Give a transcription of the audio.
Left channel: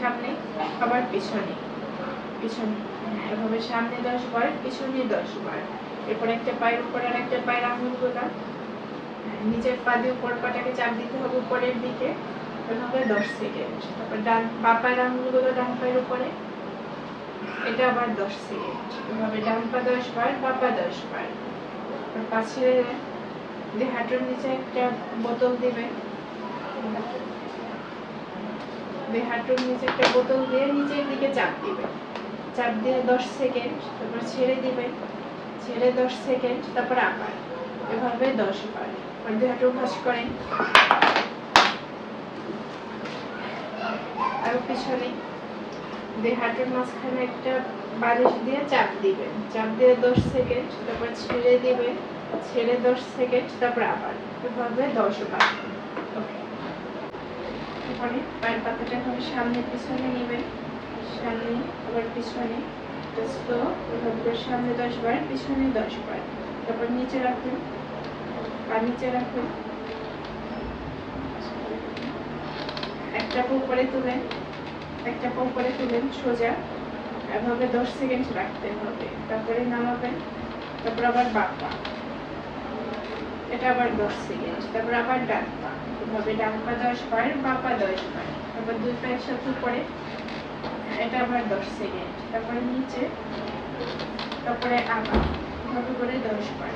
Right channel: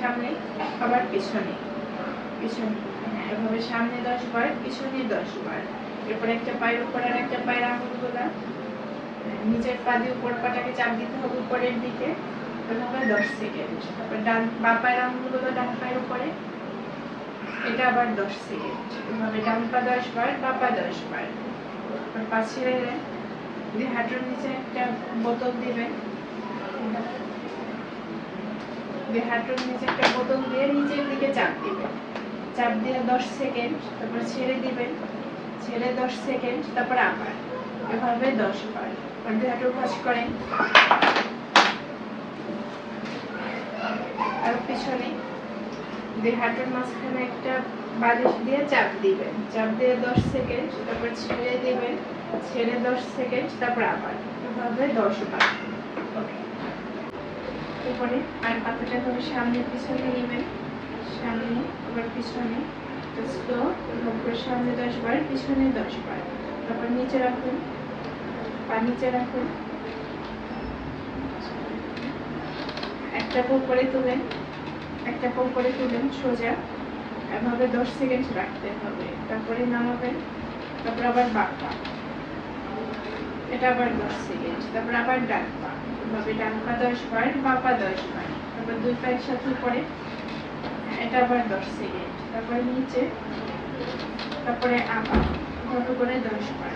সামনে আবার পিছনে, পিছনে এভাবে সামনে 10 বার, পিছনে 10 বার। এরপর একটা পায়ের উপর আর একটা পায়ের আঙুলগুলা নিচের পা দিয়ে উপর পাটাকে চাপ দিতে হবে উপরের দিকে, এভাবে 10 সেকেন্ড। তারপর বাঁ পায়ের আঙুলগুলো ডান পায়ের উপরে, এটা আবার 10 সেকেন্ড। এভাবে ডান পা 10 বার, বাঁ পা 10 বার। পা ছেড়ে দিয়ে হাঁটুর নিচে একটা বোতল দিবেন, হাঁটুর নিচে একটা বোতল দিয়ে নিচের দিকে চাপ দিবেন, চাপ দিয়ে 10 সেকেন্ড, তারপর ছেড়ে দিবেন, ছেড়ে 10 সেকেন্ড, তারপর আবার এভাবে 10 বার। আর দুই হাঁটু ভাঁজ করেন, আর পিছনে দুই হাঁটুর মাঝখানে একটা বালিশ দিয়ে চাপ দিবেন, চাপ দিয়ে 10 সেকেন্ড, তারপর ছেড়ে দিবেন, ছেড়ে 10 সেকেন্ড, তারপর আবার এভাবে 10 বার। ওকে, এখানে আর পাতাটা হবে সামনে পিছনে নেবেন, সামনে আবার পিছনে, স্লো এভাবে সামনে 10 বার, পিছনে 10 বার। তারপর নিচে রাখুন, পা নিচে রাখুন, একটা পা উপরে তুলেন, একটা পা উপরে তুলেন সোজা, এভাবে 10 সেকেন্ড রাখতে হবে। তারপরে নামাবেন, তারপর আবার বাঁ পা, এটা আবার 10 সেকেন্ড, তারপর আবার ডান পা, এভাবে ডান পা 10 বার, বাঁ পা 10 বার। তারপর দুই পা একসাথে উপরে, এটা আবার 10 সেকেন্ড, তারপরে নিচে, তারপরে আবার মতো করে 10 বার।